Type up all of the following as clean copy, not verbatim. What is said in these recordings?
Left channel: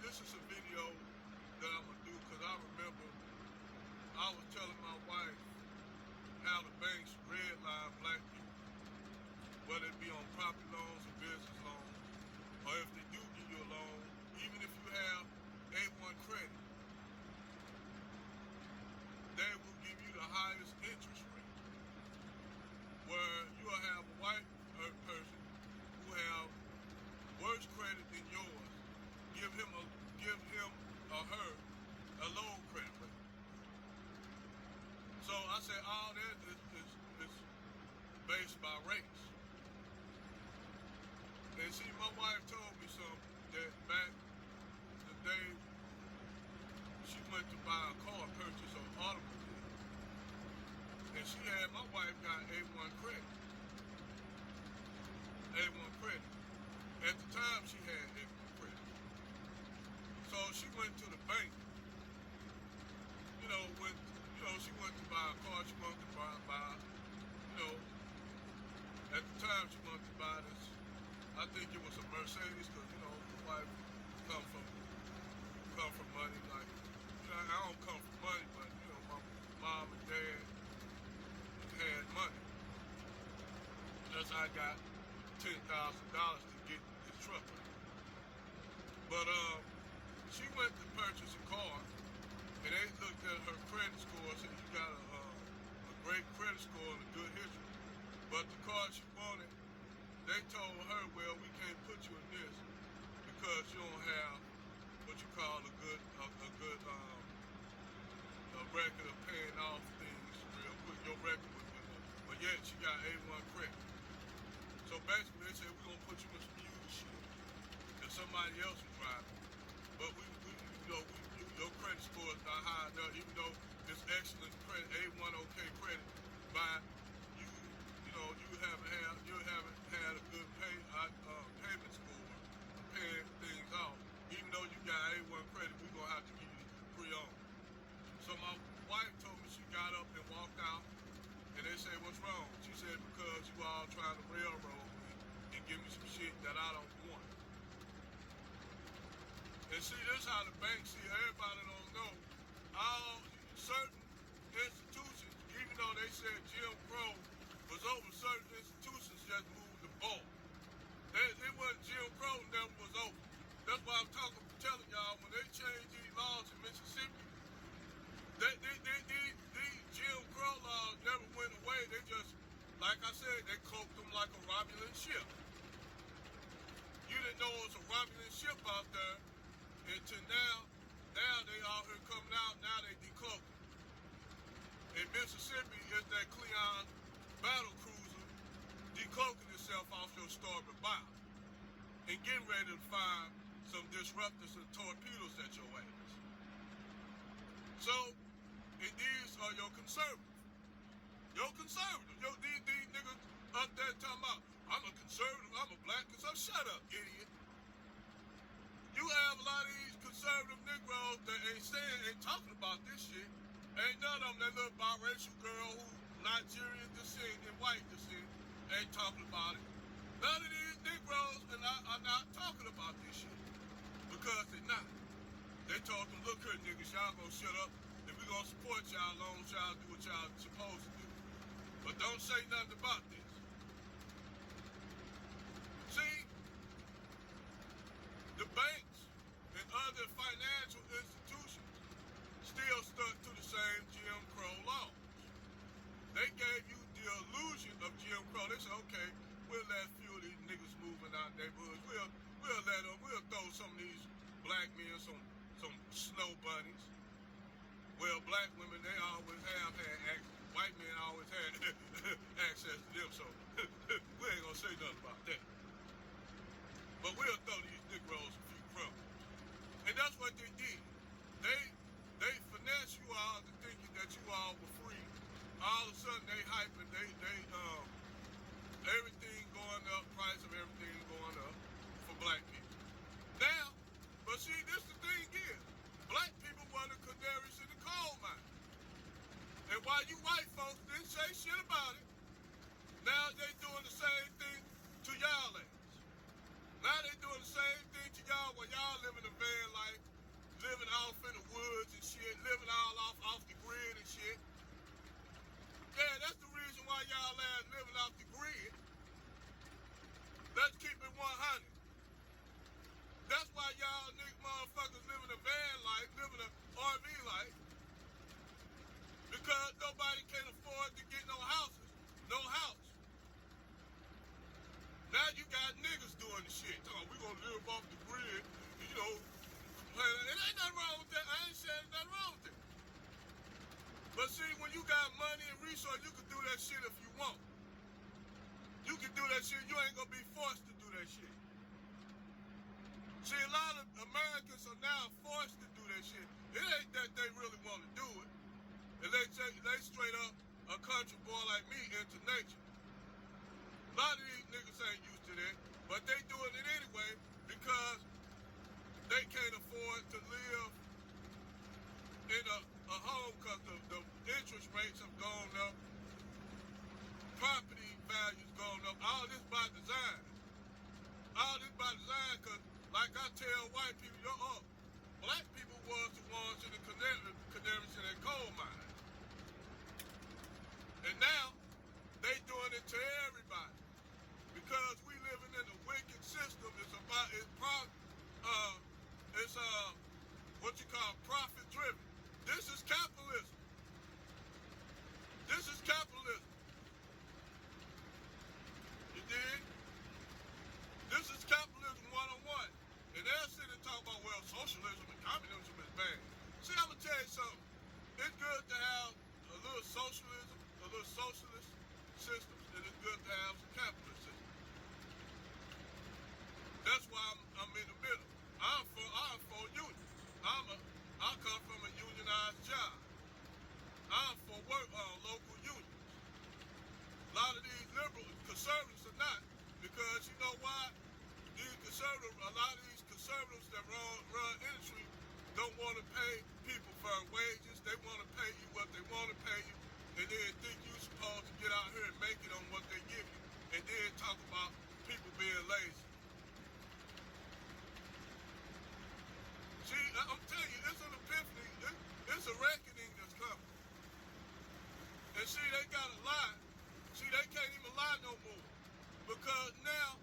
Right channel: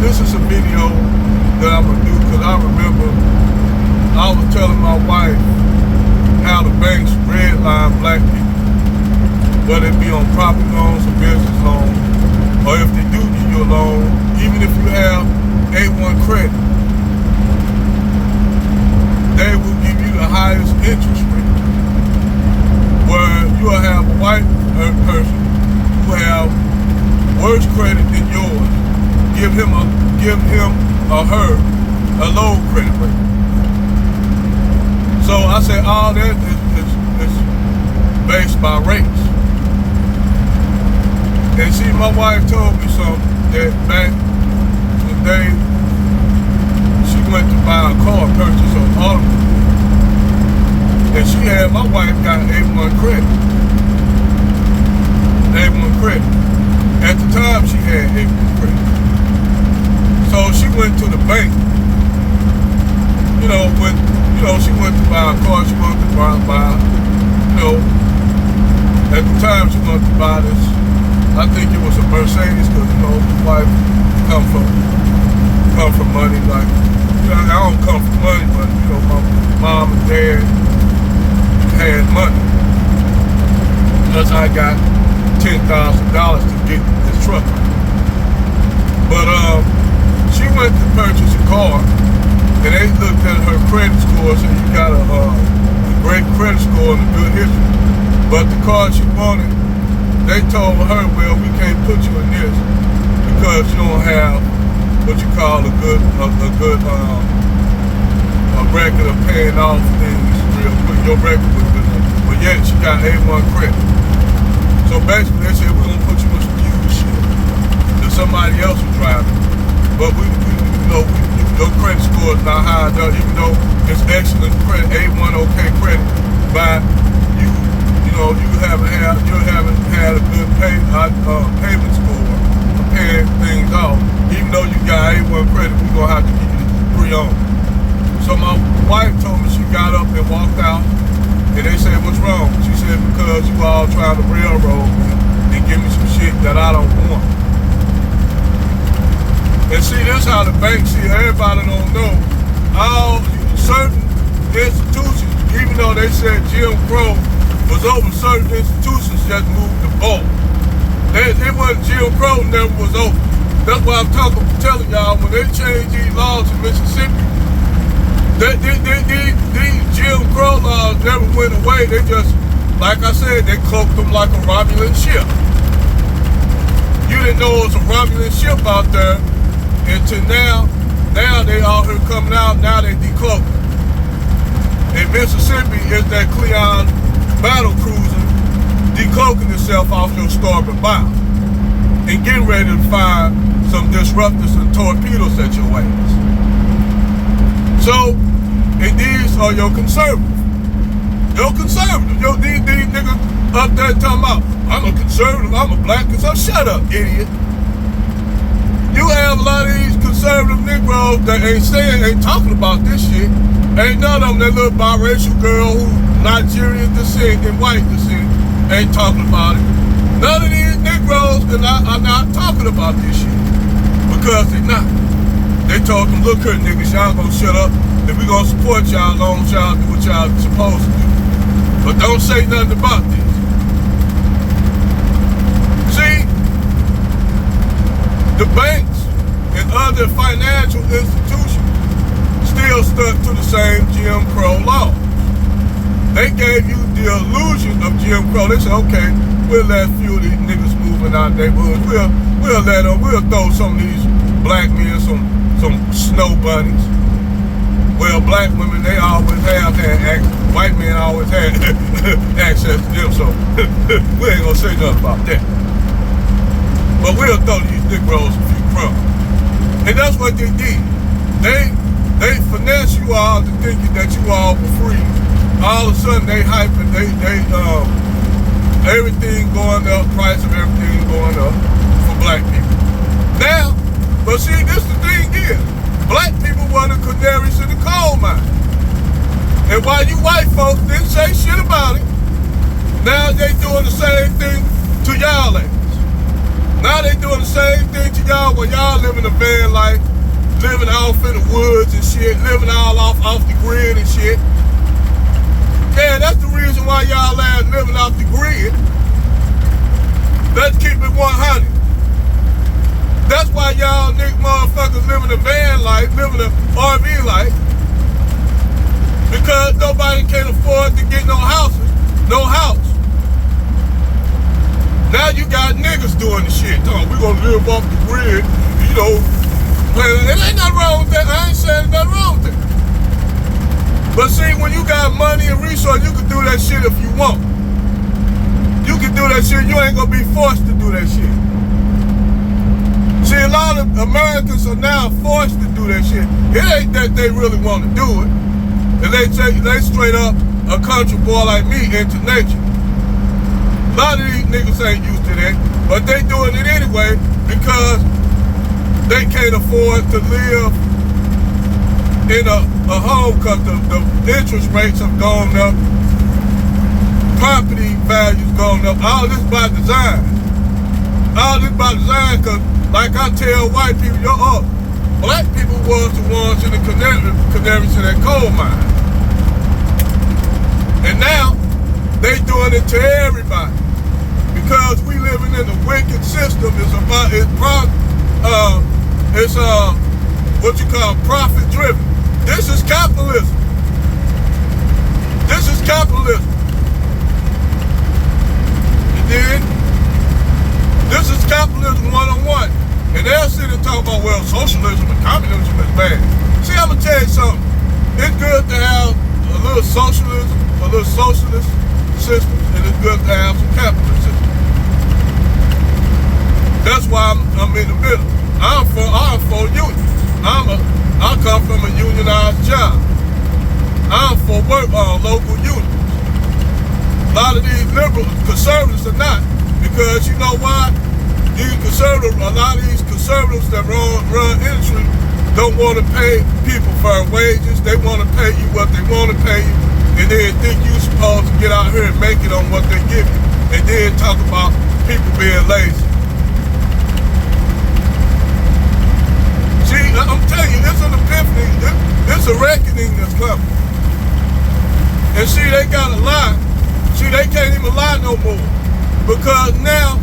this is a video that I'm gonna do because I remember I was telling my wife how the banks redline black people, whether it be on property loans or business loans, or if they do give you a loan, even if you have A1 credit, they will give you the highest interest rate. Where you'll have a white person who have worse credit than yours, give him or her a low credit rate. So I say all that is based by rates. And see, my wife told me something that back the day she went to buy a car, purchase an automobile, and she had, my wife got A1 credit. A1 credit. At the time, she had A1 credit. So she went to the bank. She went to buy a car. She wanted to buy, at the time she wanted to buy this. I think it was a Mercedes because, my wife come from money. Like, I don't come from money, but, my mom and dad had money. Plus I got $10,000 to get this truck. But she went to purchase a car, and they looked at her credit score and said, you got a great credit score and a good history. But the car she wanted, they told her, well, we can't put you in this because you don't have what you call a good record of paying off things real quick. Your record was good, but yet she got A1 credit. So basically, they said we're gonna put you in some used shit that somebody else was driving. But your credit score is not high enough, even though it's excellent credit, A1 okay credit, but you haven't had a good payment score for paying things off. Even though you got A1 credit, we're gonna have to give you pre-owned. So my wife told me she got up and walked out, and they said, what's wrong? She said, because you all trying to railroad me and give me some shit that I don't want. And see, this is how the bank see, everybody don't know. All certain institutions, even though they said Jim Crow was over, certain institutions just moved the ball. It wasn't Jim Crow, never was over. That's why I'm telling y'all, when they changed these laws in Mississippi, these Jim Crow laws never went away. They just, like I said, they cloaked them like a Romulan ship. You didn't know it was a Romulan ship out there until now. Now they all here coming out, now they decloaked. In Mississippi, it's that Cleon battle cruiser decloaking itself off your starboard bow and getting ready to fire some disruptors and torpedoes at your ass. So, and these are your conservatives. These niggas up there talking about, I'm a conservative, I'm a black conservative. Shut up, idiot. You have a lot of these conservative Negroes that ain't talking about this shit. Ain't none of them, that little biracial girl who Nigerian descent and white descent, ain't talking about it. None of these Negroes are not talking about this shit. Because they're not. They told them, look here, niggas, y'all gonna shut up, and we gonna support y'all as long as y'all do what y'all supposed to do. But don't say nothing about this. See, the banks and other financial institutions still stuck to the same Jim Crow laws. They gave you the illusion of Jim Crow. They said, okay, we'll let a few of these niggas move in our neighborhoods. We'll let them, we'll throw some of these black men some snow bunnies. Well, black women, they always have had access. White men always had access to them, so we ain't gonna say nothing about that. But we'll throw these Negroes a few crumbs. And that's what they did. They finesse you all to thinking that you all were free. All of a sudden they hyping, everything going up, price of everything going up for black people. Now, but see, this the thing is, black people were the canaries in the coal mine. And while you white folks didn't say shit about it, now they doing the same thing to y'all ass. Now Now they doing the same thing to y'all when y'all living a van life, living off in the woods and shit, living all off the grid and shit. Yeah, that's the reason why y'all ass living off the grid. Let's keep it 100. That's why y'all nigga motherfuckers living a van life, living a RV life. Because nobody can afford to get no houses, no house. Now you got niggas doing the shit. Oh, we gonna live off the grid, you know. It ain't nothing wrong with that. I ain't saying nothing wrong with that. But see, when you got money and resources, you can do that shit if you want. You can do that shit. You ain't gonna be forced to do that shit. See, a lot of Americans are now forced to do that shit. It ain't that they really want to do it. And they straight up a country boy like me into nature. A lot of these niggas ain't used to that, but they doing it anyway because they can't afford to live in a home because the interest rates have gone up, property values gone up. All this by design. All this by design because, like I tell white people, black people was the ones in the canaries in that coal mine. And now, they doing it to everybody. Because we living in a wicked system. It's what you call profit driven. This is capitalism. This is capitalism. You dig? This is capitalism 101. And they'll sit and talk about, well, socialism and communism is bad. See, I'm gonna tell you something. It's good to have a little socialism, a little socialist system, and it's good to have some capitalist system. That's why I'm in the middle. I'm for unions. I come from a unionized job. I'm for local unions. A lot of these liberals, conservatives are not, because you know why? A lot of these conservatives that run industry don't want to pay people fair wages. They want to pay you what they want to pay you, and then think you're supposed to get out here and make it on what they give you, and then talk about people being lazy. See, I'm telling you, it's an epiphany. It's a reckoning that's coming. And see, they gotta lie. See, they can't even lie no more, because now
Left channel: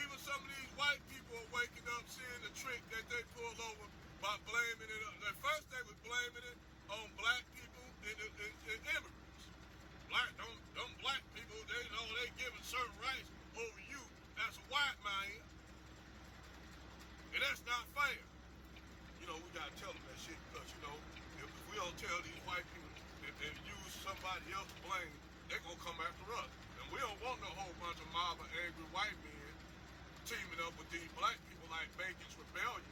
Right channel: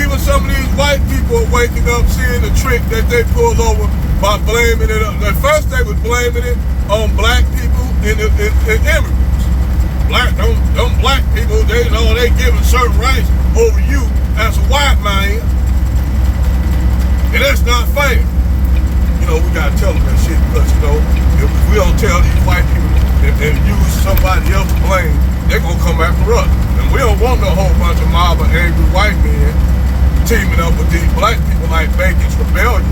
even some of these white people are waking up, seeing the trick that they pulled over by blaming it. At first, they was blaming it on black people and immigrants. Them black people, they giving certain rights over you as a white man, and that's not fair. You know, we gotta tell them that shit, because if we don't tell these white people and use somebody else to blame, they're gonna come after us. And we don't want no whole bunch of mob of angry white men teaming up with these black people like Bacon's Rebellion.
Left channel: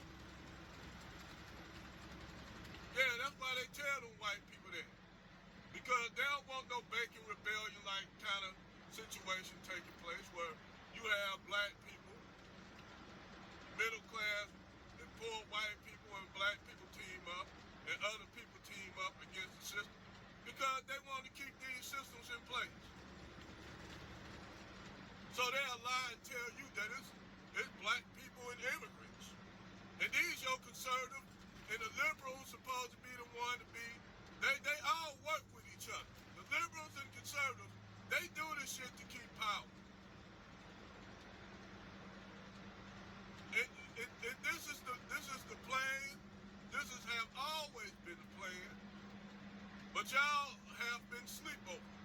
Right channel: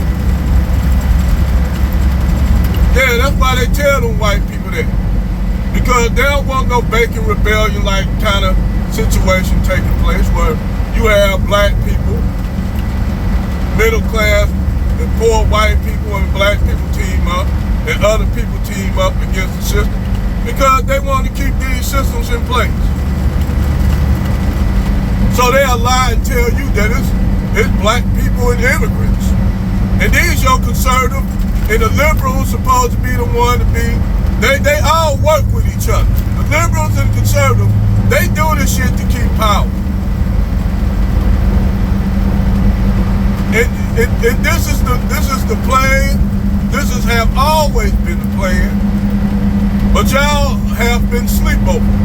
Yeah, that's why they tell them white people that. Because they don't want no Bacon Rebellion like kind of situation taking place where you have black people, middle class, and poor white people and black people team up, and other people team up against the system, because they want to keep these systems in place. So they'll lie and tell you that it's black people and immigrants. And these your conservative and the liberals supposed to be the one to be, they all work with each other. The liberals and the conservatives, they do this shit to keep power. And this is the plan. This have always been the plan. But y'all have been sleepovers.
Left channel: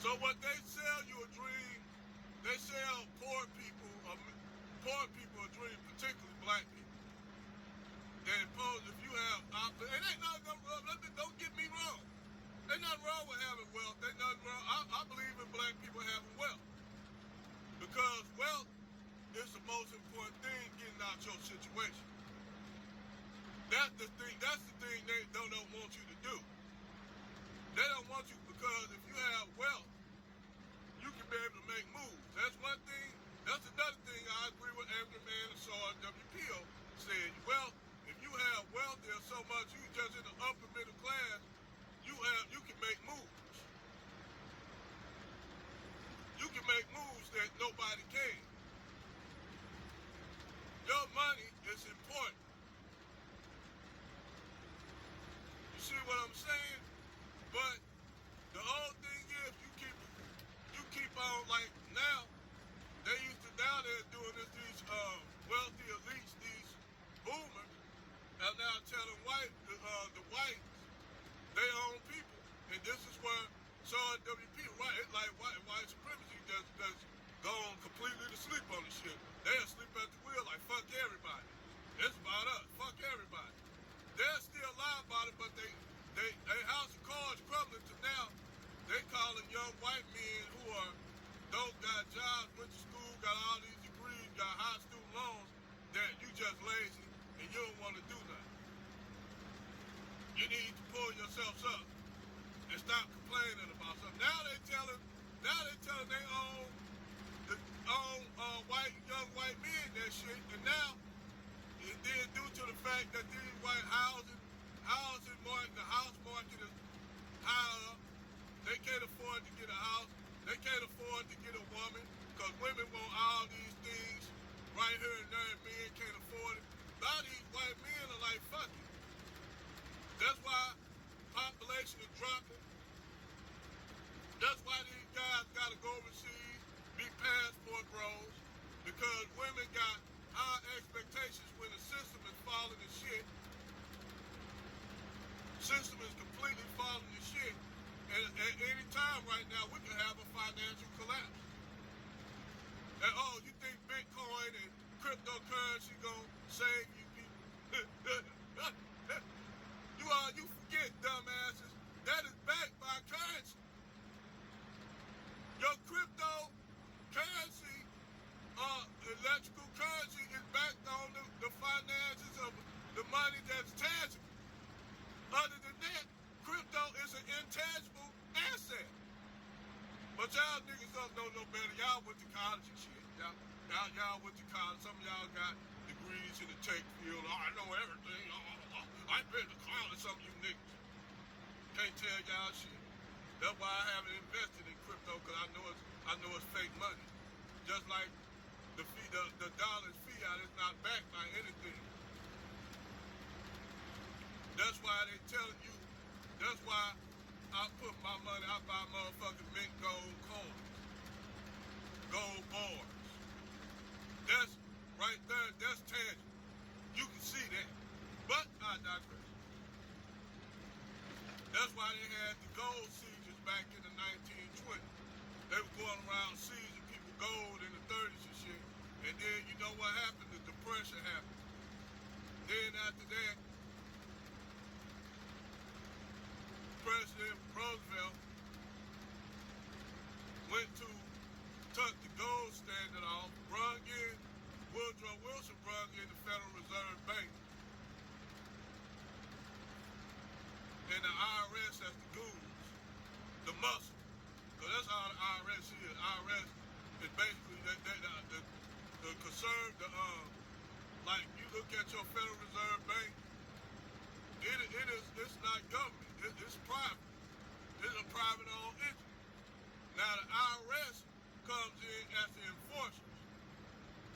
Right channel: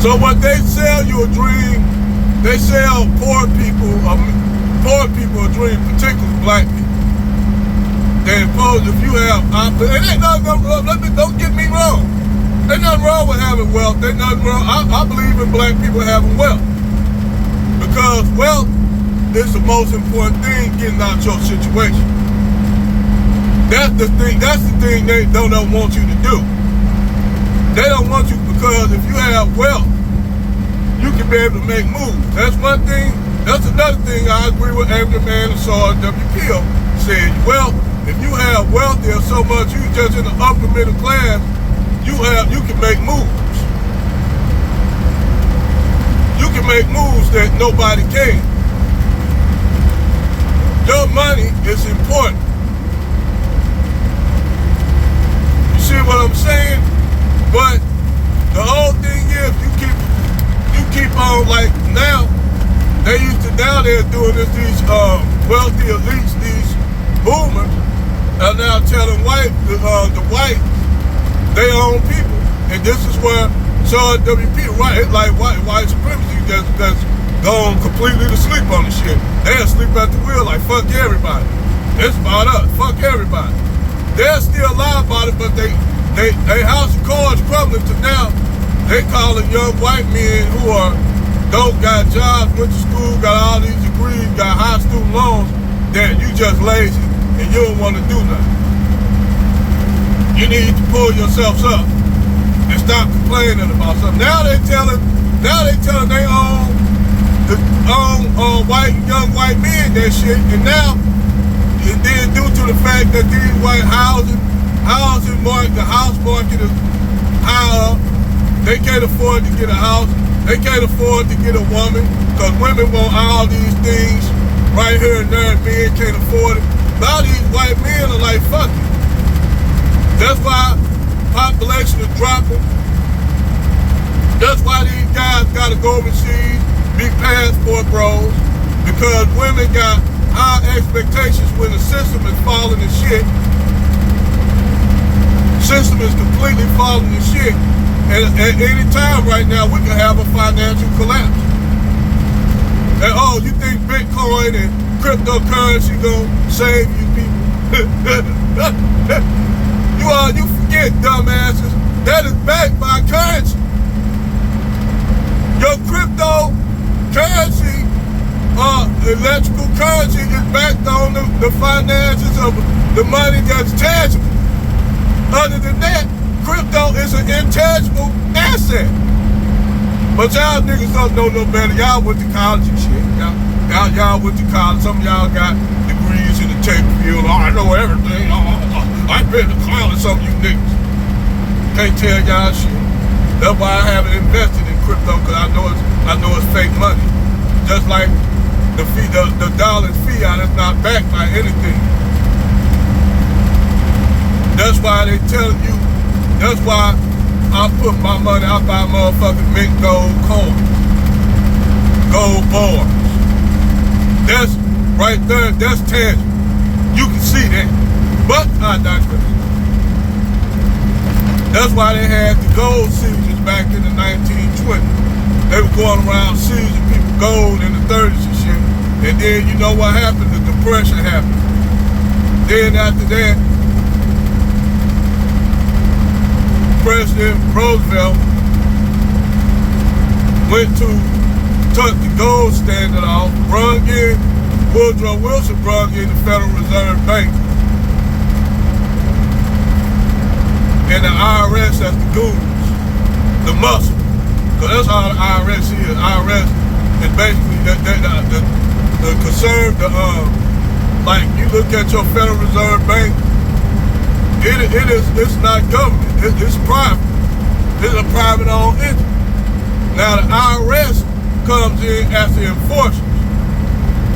So what they sell you a dream, they sell poor people a dream, particularly black people. They impose if you have, it ain't nothing wrong, don't get me wrong. Ain't nothing wrong with having wealth. Ain't nothing wrong. I believe in black people having wealth. Because wealth is the most important thing getting out your situation. That's the thing they don't want you to do. They don't want you, because if you have wealth, you can be able to make moves. That's one thing. That's another thing I agree with Angry Man and Sarge W.P.O. said. Well, if you have wealth, there's so much, you just in the upper middle class, you can make moves. You can make moves that nobody can. Your money is important. You see what I'm saying? But the whole thing is you keep on, like, now they're doing this, these wealthy elites, these boomers are now telling the white they own people. And this is where WP, right? It's like white supremacy that's gone completely to sleep on the shit. They're asleep at the wheel, like, fuck everybody. It's about us. Fuck everybody. They're still lie about it, but they house of cards crumbling to now they calling young white men who don't got jobs, went to school, got all these degrees, got high student loans, that you just lazy and you don't want to do nothing. You need to pull yourselves up and stop complaining about something. Now they telling they own young white men that shit, and then due to the fact that these white housing market, the house market is high up, they can't afford to get a house, they can't afford to get a woman, because women want all these things right here and there, and men can't afford it. A lot of these white men are like, fuck it. That's why population is dropping. That's why these guys gotta go overseas, be passport bros, because women got high expectations when the system is falling to shit. System is completely falling to shit. And at any time right now, we can have a financial collapse. And oh, you think Bitcoin and cryptocurrency gonna save you people? You forget, dumbasses, that is backed by currency. Your cryptocurrency, electrical currency is backed on the finances of the money that's tangible. Other than that, crypto is an intangible asset. But y'all niggas don't know no better. Y'all went to college and shit. Y'all went to college. Some of y'all got degrees in the tech field. Oh, I know everything. I've been to college, some of you niggas. Can't tell y'all shit. That's why I haven't invested in crypto, because I know it's fake money. Just like the dollar's fiat is not backed by anything. That's why they telling you, that's why I put my money, I buy motherfucking mint gold coins, gold bars. That's right there, that's tangible. You can see that. But I digress. That's why they had the gold seizures back in the 1920s. They were going around seizing people gold in the 30s and shit. And then you know what happened? The Depression happened. Then after that, President Roosevelt took the gold standard off, Woodrow Wilson brought in the Federal Reserve Bank. And the IRS as the goons, the muscle. Because that's how the IRS is. IRS is basically the concern, like you look at your Federal Reserve Bank, it's not government, it's private. It's a private owned entity. Now the IRS comes in as the enforcers.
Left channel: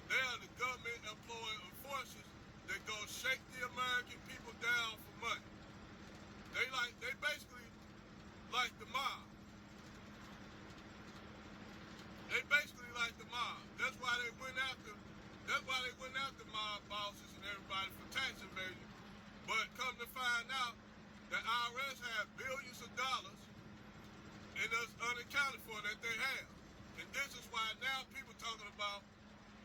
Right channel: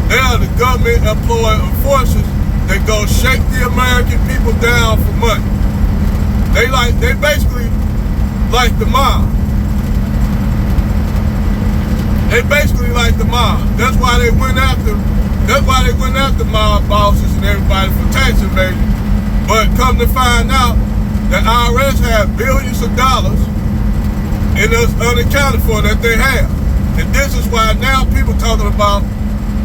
They are the government employed enforcers that go shake the American people down for money. They basically like the mob. They basically like the mob. That's why they went after mob bosses and everybody for tax evasion. But come to find out, the IRS have billions of dollars and it's unaccounted for that they have. And this is why now people talking about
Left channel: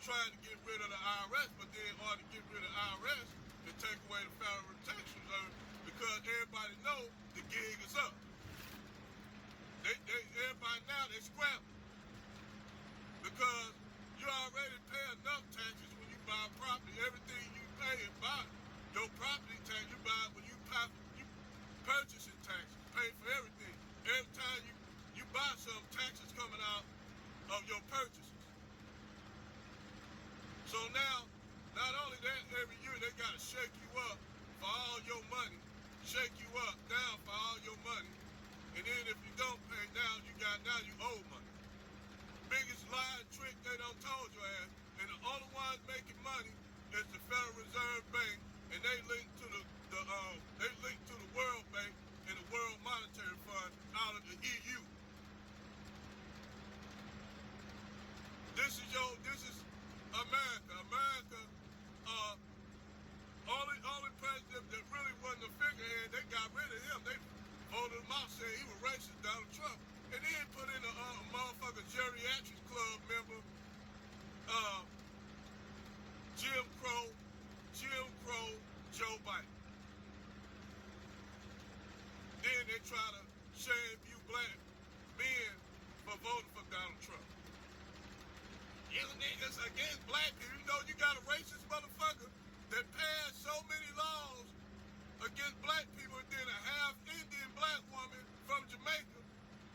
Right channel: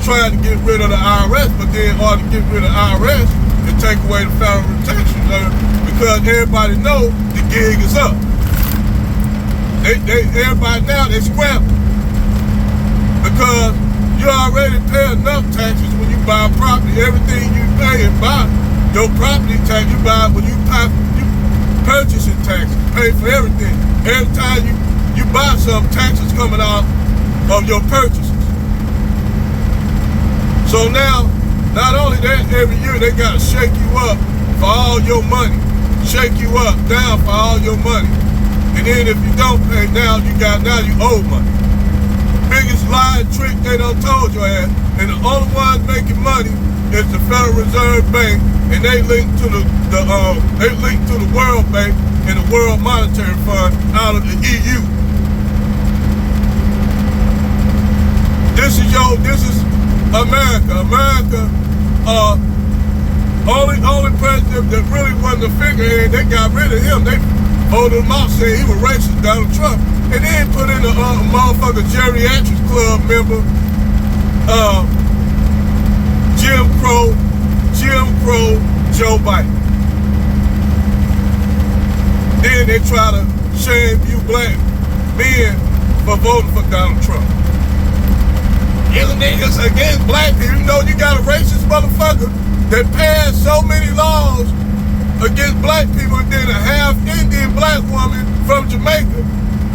trying to get rid of the IRS, but then in order to get rid of the IRS and take away the Federal Tax Reserve, because everybody know the gig is up. Everybody now, they scrambling. Because you already pay enough taxes when you buy property. Everything you pay and buy, your property tax you buy, when you purchasing taxes, pay for everything. Every time you buy some, taxes coming out of your purchases. So now, not only that, every year they gotta shake you up for all your money. Shake you up, down for all your money. And then if you don't pay now, you owe money. Biggest lie and trick they done told your ass. And the only ones making money is the Federal Reserve Bank, and they link to the World Bank and the World Monetary Fund out of the EU. This is America. America, only president that really wasn't a figurehead, they got rid of him. They voted him out, saying he was racist, Donald Trump. And then put in a motherfucker geriatrics club member, Jim Crow Joe Biden. Then they try to shame you black men for voting for Donald Trump. You niggas against black people. You know you got a racist motherfucker that passed so many laws against black people, and then a half Indian black woman from Jamaica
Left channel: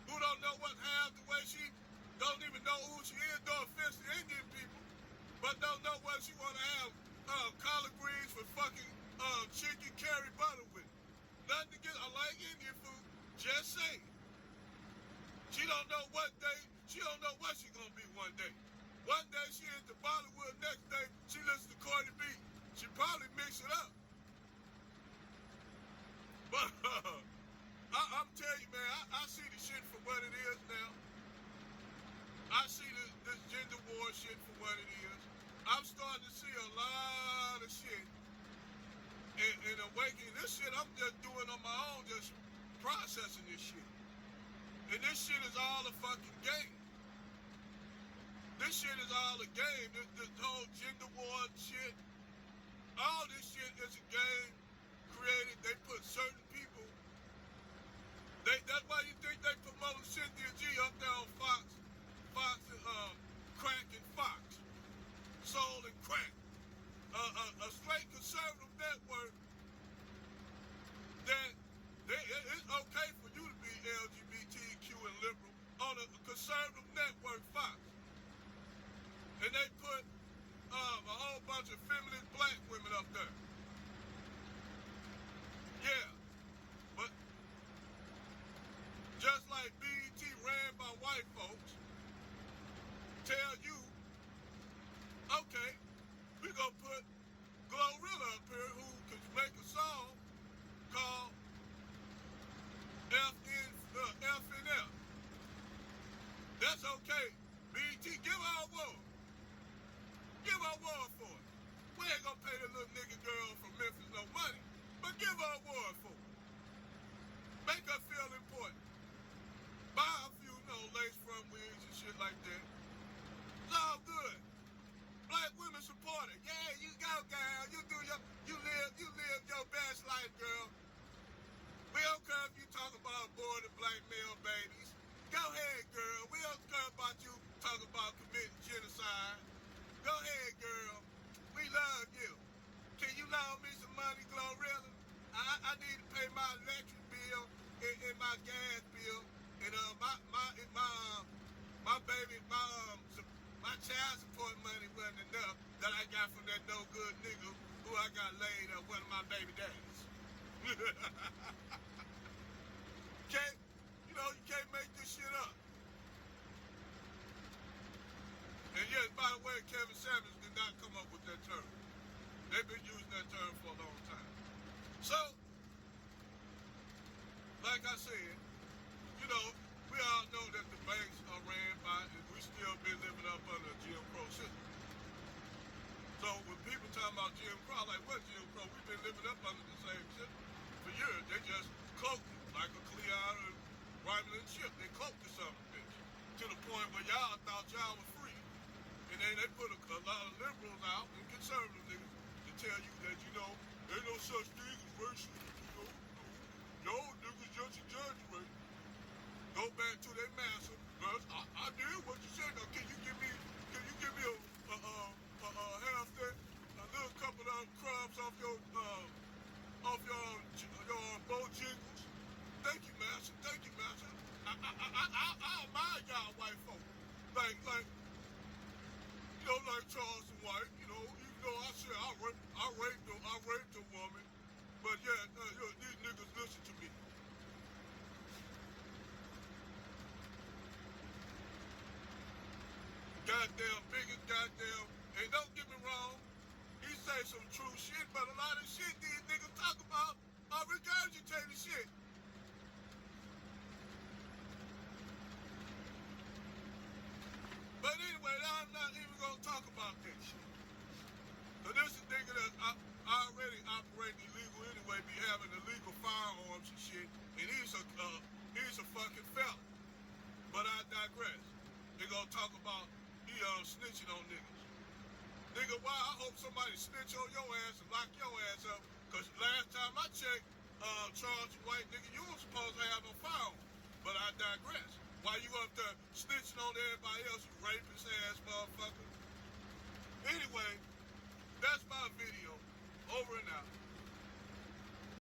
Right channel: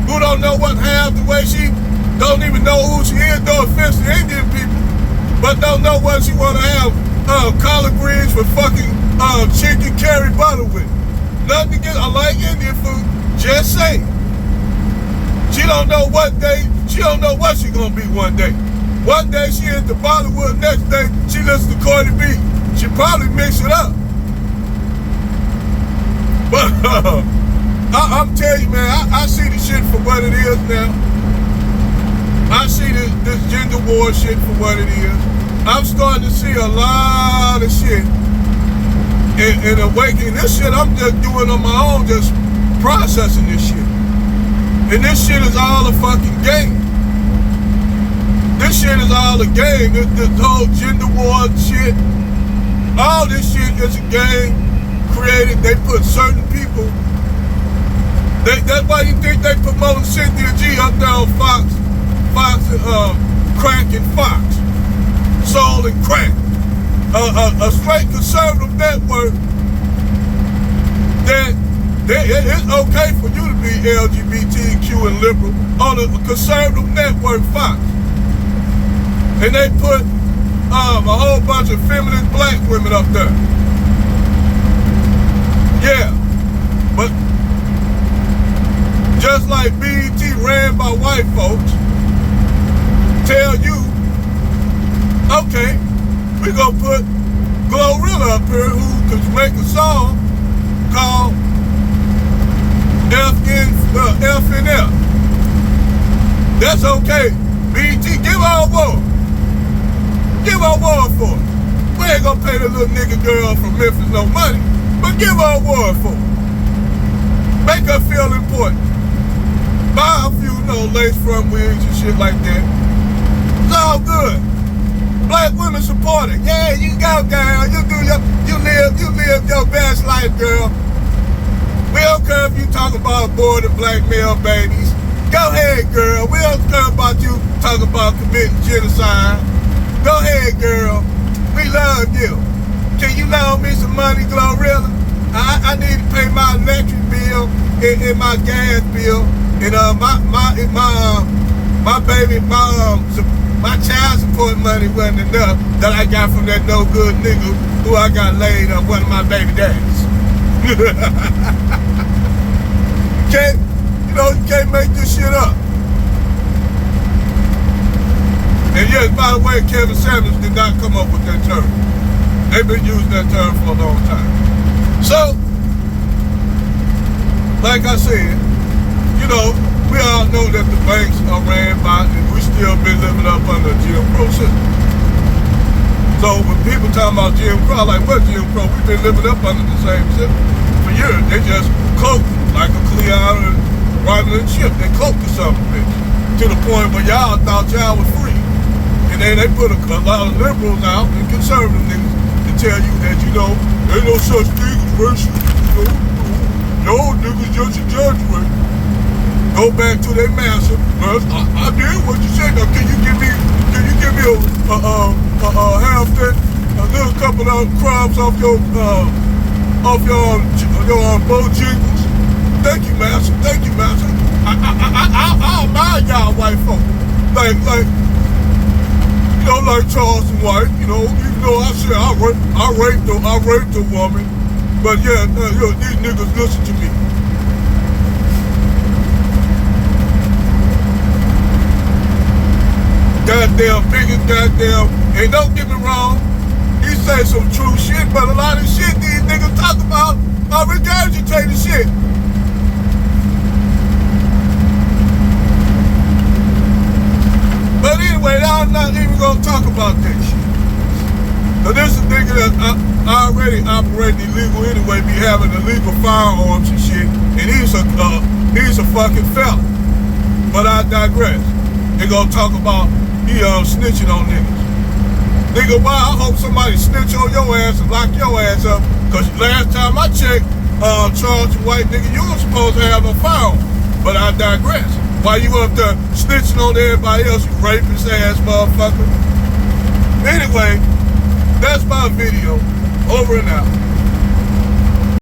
who don't know what half the way she don't even know who she is, no offense to Indian people, but don't know what she want to have collard greens for fucking chicken curry butter with. Nothing to get. I like Indian food. Just saying. She don't know what day. She don't know what she gonna be one day. One day she into Bollywood. Next day she listens to Cardi B. She probably mix it up. But I'm telling you, man, I see the shit for what it is now. I see this gender war shit for what it is. I'm starting to see a lot of shit and awakening. This shit I'm just doing on my own, just processing this shit. And this shit is all a fucking game. This shit is all a game. This whole gender war shit, all this shit is a game created. They put certain people. That's why you think they promote Cynthia G up there on Fox and Crack and Fox, Soul and Crack, a straight conservative network. That it's okay for you to be LGBTQ and liberal on a conservative network, Fox, and they put a whole bunch of feminist black women up there. Yeah, but just like BET ran by white folks, tell you, okay, we gonna put Glorilla up here who could make a song called F and F. That's okay. BET, give her a award. Give her a award for it. We ain't gonna pay the little nigga girl from Memphis no money, but give her a award for it. Make her feel important. Buy a few, lace front wigs and shit like that. It's all good. Black women support it. Yeah, you go, girl. You live your best life, girl. We don't care if you talk about aborted black male babies. Go ahead, girl. We don't care about you talking about committing genocide. Go ahead, girl. We love you. Can you loan me some money, Glorilla? I need to pay my electric bill and my gas bill. And my child support money wasn't enough that I got from that no good nigga who I got laid on one of my baby daddies. You can't make this shit up. And yes, by the way, Kevin Samuels did not come up with that term. They've been using that term for a long time. So, like I said, we all know that the banks are ran by, and we still been living up under Jim Crow system. So when people talking about Jim Crow, like, what Jim Crow? We've been living up under the same system for years. They just cloaked like a Cleon and Romulan ship. They cloaked the son of a bitch to the point where y'all thought y'all was free. And then they put a lot of liberals out and conservative niggas to tell you that, ain't no such thing as racial. No, niggas just exaggerate. Go back to their master. Well, I did what you said. Now, can you give me a half that, a little couple of crumbs off your Bojangles? Thank you, master. Thank you, master. I admire y'all white folk. Like Charleston White. Even though I said I raped a woman, but yeah, these niggas listen to me. goddamn biggest goddamn, and don't get me wrong, he say some true shit, but a lot of shit these niggas talk about are regurgitating shit. But anyway, I'm not even gonna talk about that shit. So this is a nigga that already operating illegal anyway, be having illegal firearms and shit, and he's a fucking felon. But I digress. They gonna talk about he snitching on niggas. Nigga, why? I hope somebody snitch on your ass and lock your ass up. Cause last time I checked, Charles White nigga, you were supposed to have a firearm. But I digress. Why you up there snitching on everybody else, you rapist ass motherfucker? Anyway, that's my video. Over and out.